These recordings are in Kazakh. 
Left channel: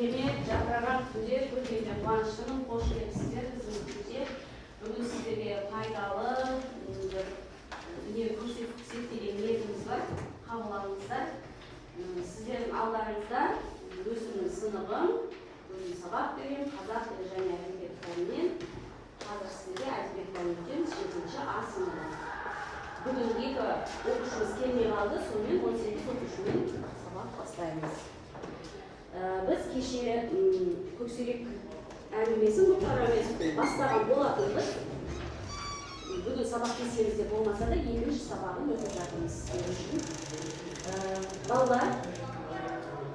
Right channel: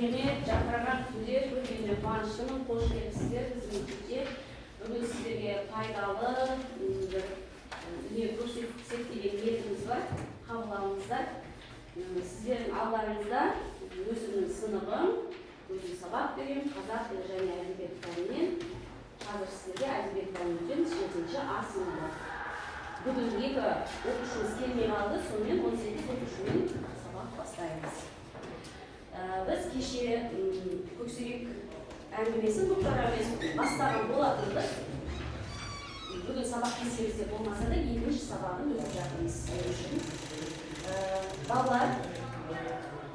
керемет жарқыраған күнде көргеніме қуаныштымын. Қош келіпсіздер біздің үйге. Бүгін сіздерге пайдалы не көрсетсек деген ниетіміз бар. Қабыл алыңыздар. Сіздердің алдарыңызда өзімнің сыныбым, өзім сабақ беремін, қазақ тілі және әдебиет пәнінен. Қазір сіздерге әдебиет пәнінен 7-ші А сыныбы. Бүгін 2 оқушымыз келмей қалды, сонымен 18 оқушымен сабақ бастаймыз. Біз кеше көксерек әңгімесін бастаған болатынбыз. Бүгін сабақ кестемізде болмаса да 2-ші сабағын өтіп жатырмыз сіздер үшін. Балалар,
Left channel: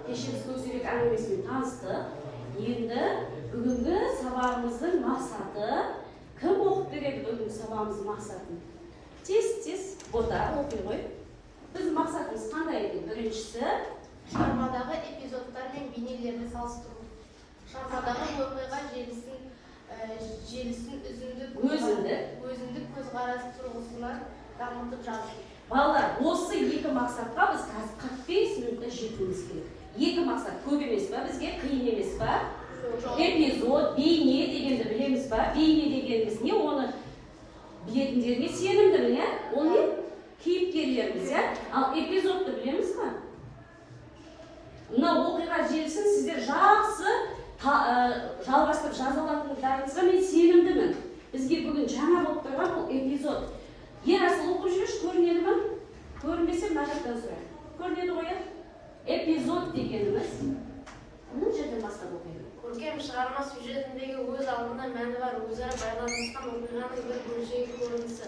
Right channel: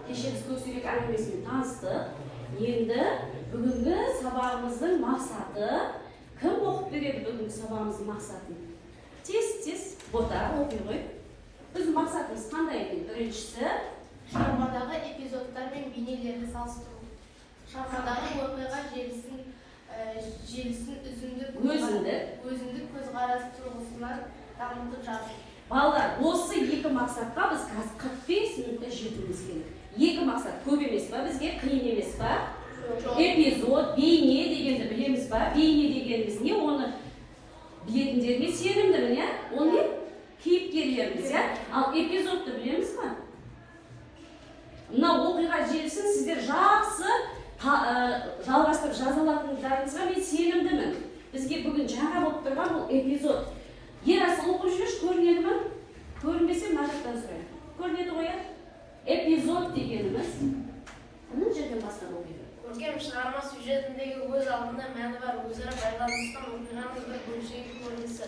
кеше біз көксерек әңгімесімен таныстық. Енді бүгінгі сабағымыздың мақсаты, кім оқып береді бүгінгі сабағымыздың мақсатын? Тез бота оқи ғой. Біздің мақсатымыз қандай еді? Біріншісі, шығармадағы эпизодтар мен бейнелерді салыстыру. Шығармадағы оқиға желісін өзіндік көзқарас тұрғысынан дамытып жазу. Балалар, осы 2 мақсатқа біз қазір 45 минутта жетуіміз керек. 2 мақсат көп емес па? Бізге қиын емес па? Эпизод, бейне дегенді білеміз ба? Бейне дегеніміз не? Оны білетіндерге сенімдімін, иә? Ол не? Кейіпкерлеріміз, иә? Ал эпизодты білеміз ба? Мына оқиға желісін сіздер жақсы жалғастырып жаза алатындарыңызға мен сенімдімін. Бізге бүгін жаңа болып тұрған бұл эпизод. Ерасыл оқып жүрші, көрінеді ме? Көрінбесе мына жақтан сұрайын. Көрінеді ғой, иә? Эпизод дегеніміз мұның жерден бастап оқиды. Көркем шығарма сюжетіндегі өз алдында мәні бар, өзара байланысқан оқиғаның бір бөлшегі көрінісі.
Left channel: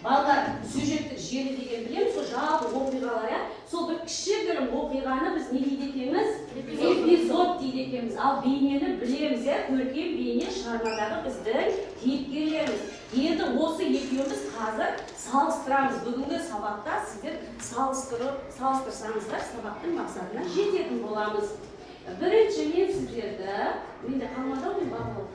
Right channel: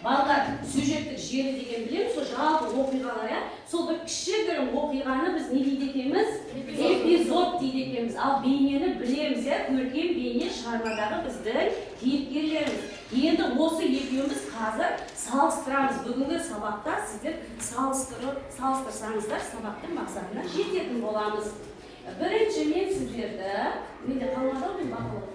Балалар, сюжеттік желі деген білеміз, сол жалпы оқиғалар, сол бір кішігірім оқиғаны біз не дейді екенбіз? Эпизод дейді екенбіз. Ал бейнені білеміз, көркем бейне шығармадағы біздің кейіпкерлеріміз. Енді осы екеуміз қазір салыстырамыз. Бүгінгі сабақта сіздер салыстырсаңыздар сабақтың мақсатына жететін боламыз. Бірінші мен сіздерді, менде қалғанда мен бағылып.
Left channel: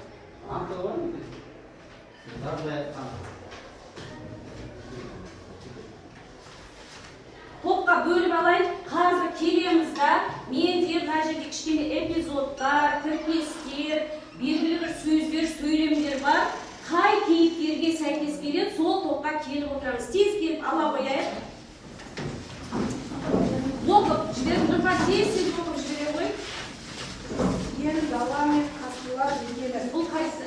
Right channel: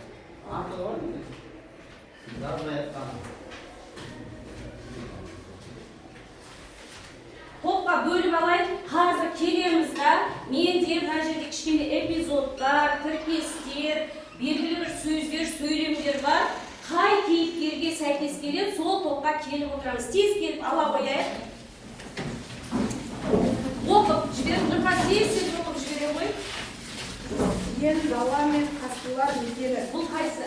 Топқа бөліп алайын, қазір келеміз да, менде мына жерде кішкене эпизодтар, тіркестер, белгілі бір сөздер, сөйлемдер бар. Қай кейіпкерге сәйкес келеді, сол топқа келіп отырамыз. Тез келіп ала қояйық. Оқып жіберіп, нұрға тез оқып жіберем ғой. Ен, бала мен қасқырлар екені. Бұл қайсы?